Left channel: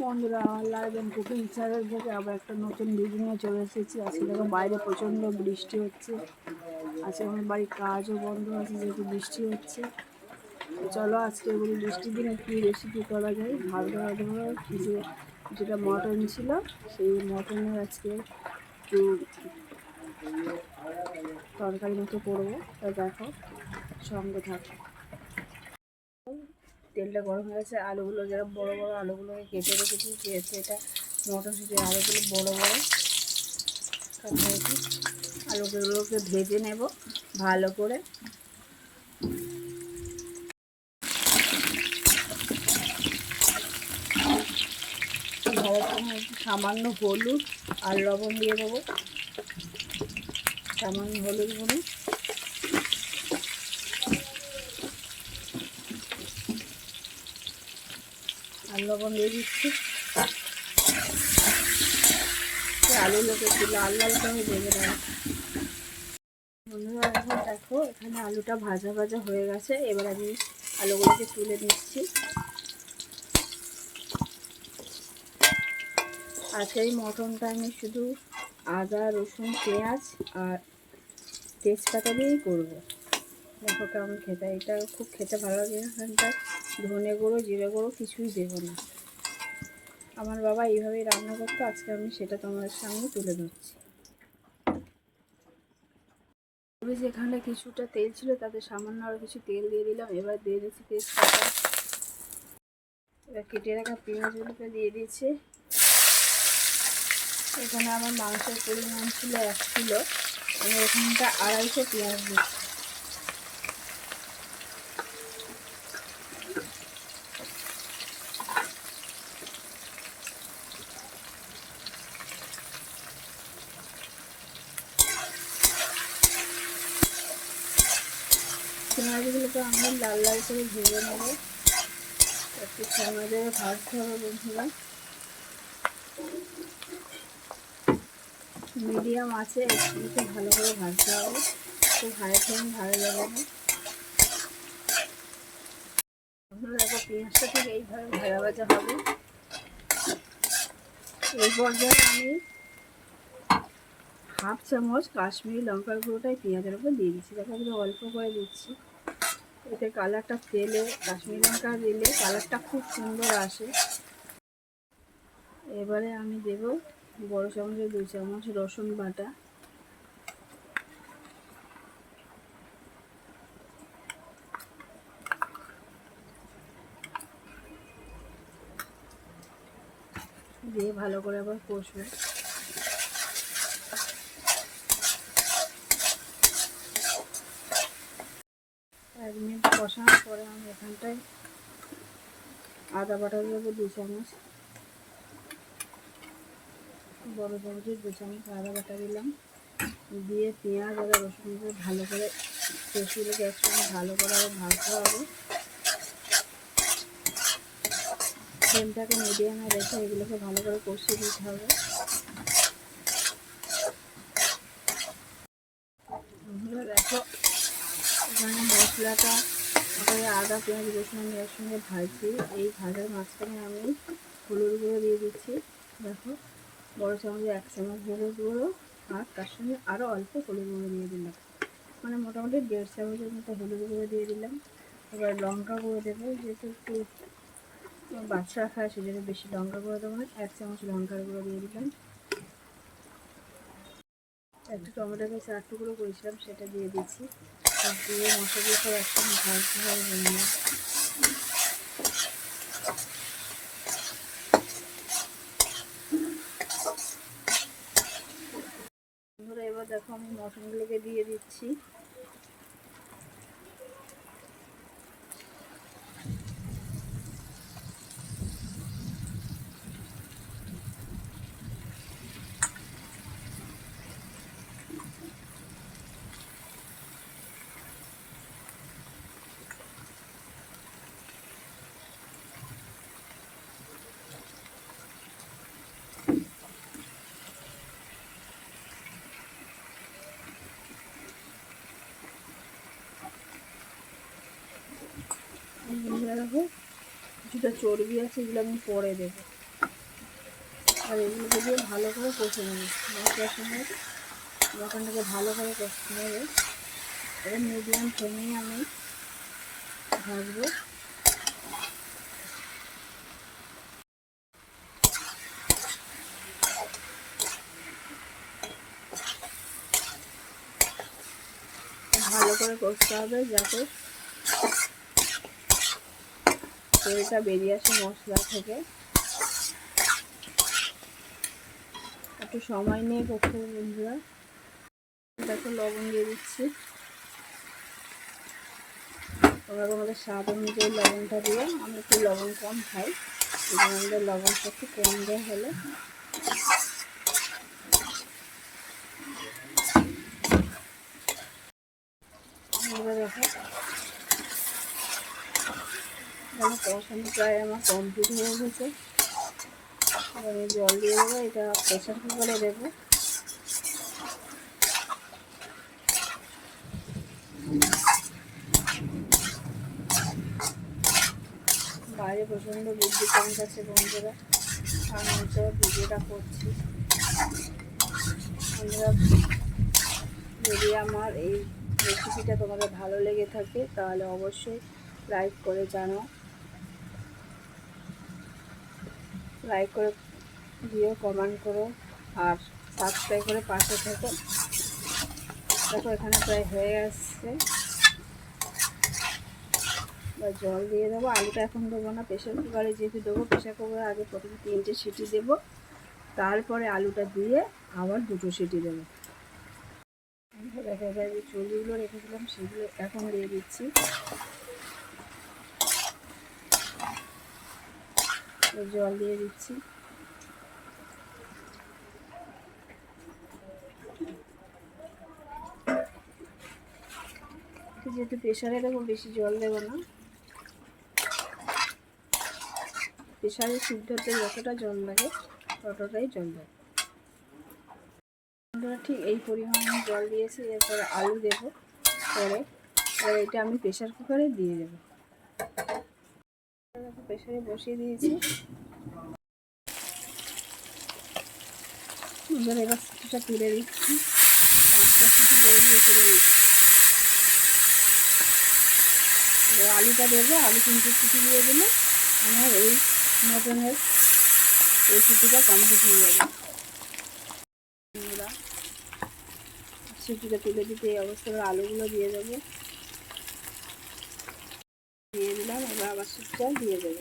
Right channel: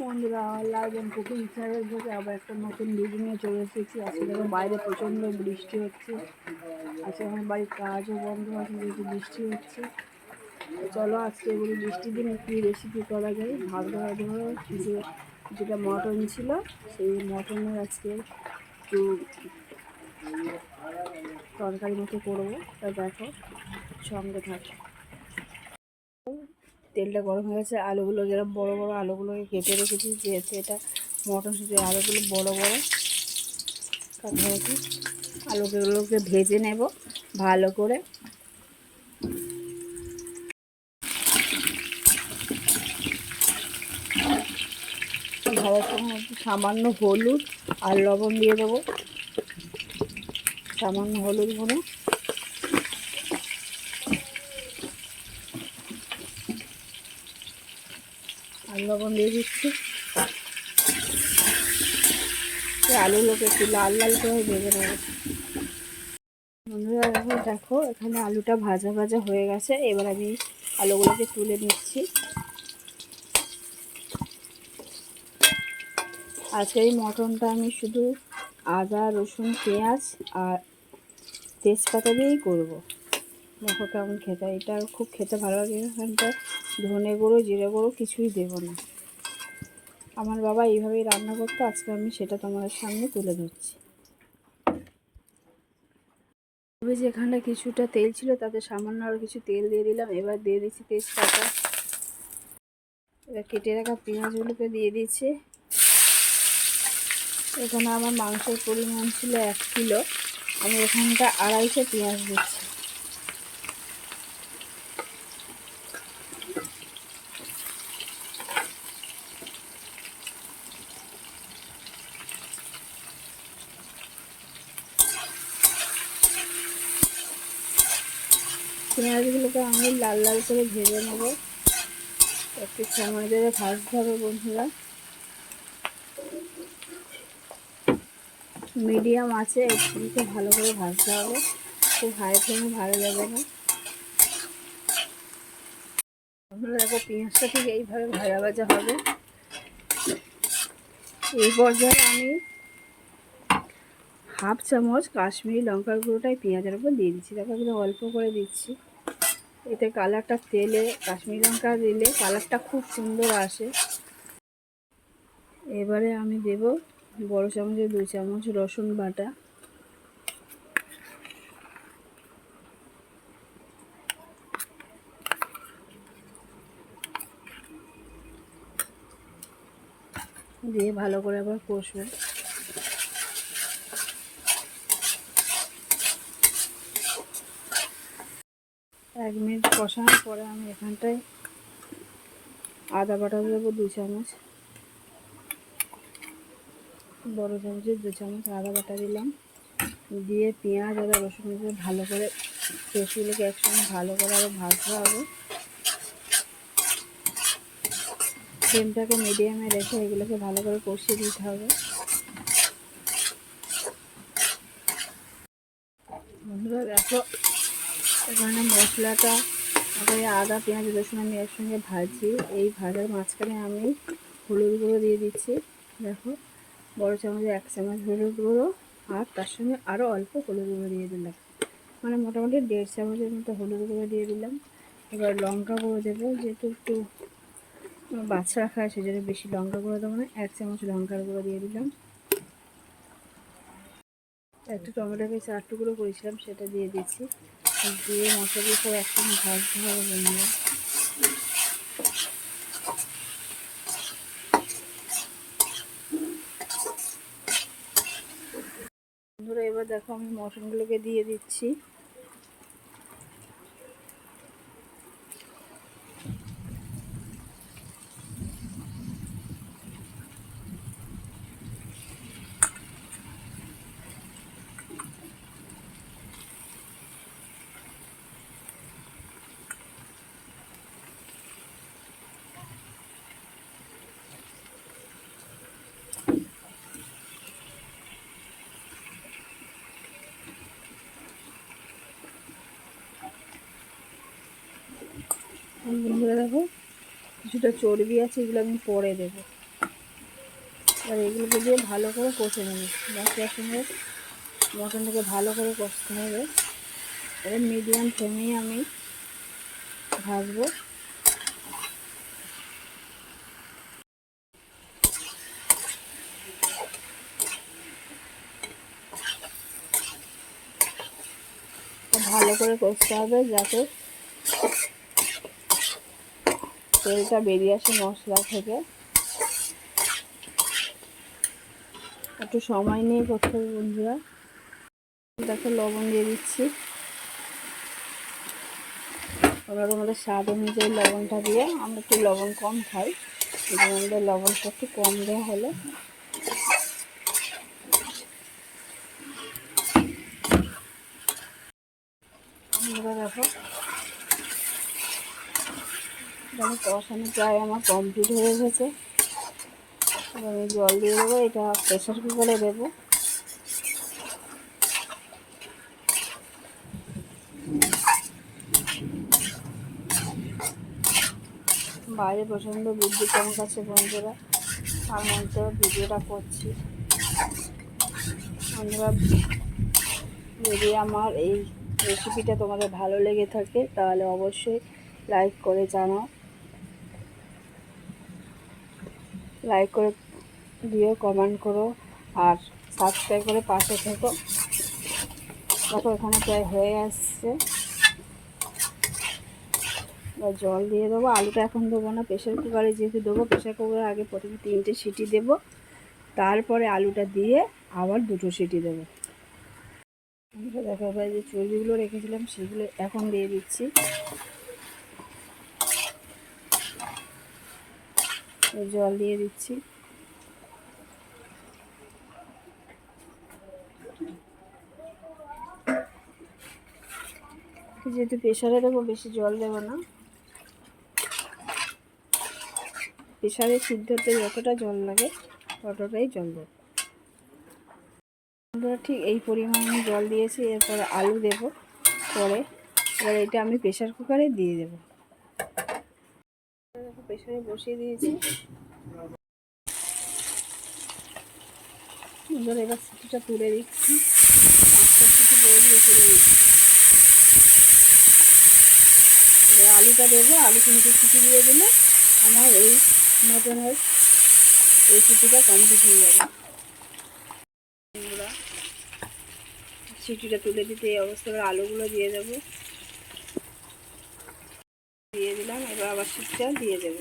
বন্ধুরা, আমার লাগবেন cooking channel আবার একটা নতুন ভিডিও নিয়ে চলে এসেছি। আজকে দেখো বাইরে প্রচণ্ড বৃষ্টি হচ্ছে। আজকে আমার বাড়ির কাজও বন্ধ আছে, যেহেতু বৃষ্টি হচ্ছে। চলো আজকে বলি বৃষ্টির দিনে কী রেসিপি করা যায়। ভাত ধরা কিছু যেটা মটন ছিল, সেই মটনের আজকে একটু তরকারি মতো করব। তা দেখো, সঙ্গে থাকো। তেলটা গরম হয়ে গেছে, আলুগুলো যেরকম বড় বড় আলুগুলোকে কেটে রেখেছি, যেহেতু এটা মটরশুঁটির আলুগুলো বড় বড় কাছাকাছি আলুগুলোকে ভেজে নেব ভালো করে সামান্য হলুদ আর লবণ দিয়ে দেবো। সামান্য হলুদ গুঁড়ো। আর লবণ দিয়ে দিচ্ছি। আলুগুলোকে একটু লাল লাল করে নেব। বন্ধুরা দেখো, এখানে আলুটা ভাজা ভাজা হয়ে গেছে। এবার আমি আলুগুলোকে তুলে নিচ্ছি। আজকে এই মটনটা আমি শুধু আদা, রসুন, পেঁয়াজ আর তেজপাতা দিয়েই করব। দেখো কেমন খেতে, এটা খুব খেতে ভালো লাগে। এখানটা ধনে গুঁড়ো, জিরে গুঁড়ো কিছুই দেবো না। আমার বাবা এইভাবেই রান্না করতো, আজকে আমি সেটা তোমাদের সামনে তুলে ধরছি। যেখানে কিছুটা তেল ছিল, তাতে সামান্য আরও কিছু তেল দিয়ে দিলাম। এবার দিয়ে দিচ্ছি তেজপাতা। এবার কেটে রাখা পেঁয়াজগুলোকে দিয়ে দিচ্ছি। এখানে আমার মাংসের পরিমাণ ছিল এক কিলো। আমি এখানটা আড়াইশো পেঁয়াজ দিচ্ছি। পেঁয়াজগুলোকে আমি লাল লাল করে ভেজে নেব। একটু সময় ধরে ভাজতে হবে বন্ধুরা। মিডিয়াম আছে, একটু ভালো করে ভাজতে হবে। খুব হাই ফ্লেমে ভালো লাগে না। দেখো পেঁয়াজটা ঠিক এইভাবে ভাজা ভাজা হবে। এই পর্যায়ে আমি হাফ চামচ কাশ্মীরি লঙ্কার গুঁড়োটাই পেঁয়াজের উপর দিয়ে দিচ্ছি। দেখো এগুলো অল্প করে দিচ্ছি। এতে কালারটা তেলে, কাশ্মীরি লঙ্কা দিলে কালারটা খুব সুন্দর আসে। এবারে আমি দেব বড় চামচে দুই চামচ রসুন বাটা। দিয়ে ভালো করে আবার কষবো। এক মিনিট কষানোর পরে আমি এখানটায় আদা বাটা দেবো দু চামচ। বড়ো চামচের দু চামচ আদা বাটা দিলাম। দিয়ে পেঁয়াজ আর রসুন দিয়ে ভালো করে পেঁয়াজগুলোকে একসঙ্গে ভালো করে আবার ভাজতে হবে। ফ্লেমটাকে মিডিয়ামে রেখে এগুলোকে ভালো করে কষিয়ে দিতে হবে। বন্ধুরা, দেখো, এখানে মশলাটা তারপরে আদা, পেঁয়াজ, রসুন আমি একসঙ্গে ভাজি এই ভাজার মাঝখানে আমি হলুদ গুঁড়ো দিয়ে দিচ্ছি। দেখো বড়ো চামচে এক চামচ হলুদ গুঁড়ো আর তার সঙ্গে আরও অল্প হলুদ গুঁড়ো দিয়ে দিলাম। মানে মোটামুটি দেড় চামচের মতো হলুদ গুঁড়ো দিয়ে দিলাম। এবার লঙ্কা গুঁড়ো দেবো, যেহেতু একটু বাচ্চা খায় সেজন্য বেশি লঙ্কা গুঁড়ো দেবো না, এক চামচ লঙ্কার গুঁড়ো দিয়ে দিলাম। একটু টমেটো পেঁচে চার টুকরো করেছিলাম, সেটা দিয়ে দিচ্ছি। দিয়ে মশলা সব একসঙ্গে ভাজতে হবে বন্ধুরা এবার দেখো আমি মটনগুলোকে দিয়ে দিচ্ছি। কিছুটা চর্বি আছে, এগুলো আমি পরে দেবো। আর এগুলোকে দিয়ে ভালো করে কষে নেব। মশলার সঙ্গে মটনটাকে ভালো করে কষতে হবে। এবার মিডিয়াম ফ্লেমেই আমি ভাজবো। ভালো করে কষতে হবে যাতে তেলটা বেরিয়ে আসে মশলা থেকে। একটু সময় নিয়ে করতে হবে বন্ধুরা। দেখো লবণ দিয়ে দিচ্ছি। তোমরা তোমাদের স্বাদ অনুযায়ী লবণটা দিয়ে আমরা একটু লবণ কম খাই। জন্য আমাদের লবণটা একটু কম দেওয়া হলে আমরা দেখো দেখো কষানো প্রায় আমার কমপ্লিট হয়ে গেছে। আমি জল দিয়ে দেবো, এটা প্রেশার কুকারে দেবো। বাইরে প্রচণ্ড বিদ্যুৎ চমকাচ্ছে বন্ধুরা। আর মঞ্চে ভিডিওটা করছি। বন্ধুরা, যদি আমার এই রেসিপিটা তোমাদের ভালো লেগে থাকে, তাহলে অবশ্যই লাইক করে জানাও। লাইক করে দিও কমেন্ট করো আর সাবস্ক্রাইব করে পাশে থেকো। দেখো এখানে প্রায় হয়ে আসছে। এবার জল দিয়ে দেবো। আলুটা এখন দেবো না প্রেশার কুকারে যেহেতু দেবো প্রেশার কুকারে আগে প্রথমে তিনটে সিটি দেবো। তারপরে আলুটা দিয়ে আবার দুটো সিটি দেবো। দেখা যায় যে চর্বিগুলো রেখেছিলাম, সেগুলো এখন দিয়ে দিচ্ছি। জল দিয়ে দিচ্ছি। যেহেতু প্রেশারে দেবো, বেশি জল দেবো না। প্রেশারে সিদ্ধতে যতটা জল লাগে, ততটাই জল দেবো। ঠিক এই পরিমাণে জল দিয়েছি, এরপরে আলু দেব। পরে, এবার এটা আমি প্রেশার কুকারে দিয়ে দেবো। প্রেশারে বসিয়ে দিয়েছি। এবার এবার সিটিটা তুলে দিচ্ছি। পাঁচটা সিটি পরে দিয়ে তুলে দিচ্ছি। এবার আলুটা দেবো, আলু তিনটে সিটি দিয়ে দিলে আমার এই মটনের রেসিপিটা কমপ্লিট হয়ে যাবে। সিটিটা তুলে দিতে এই অবস্থায় আলুগুলো দিয়ে দেবো দিয়ে দিলাম এবার আবার সিটিটা দিয়ে দেবো।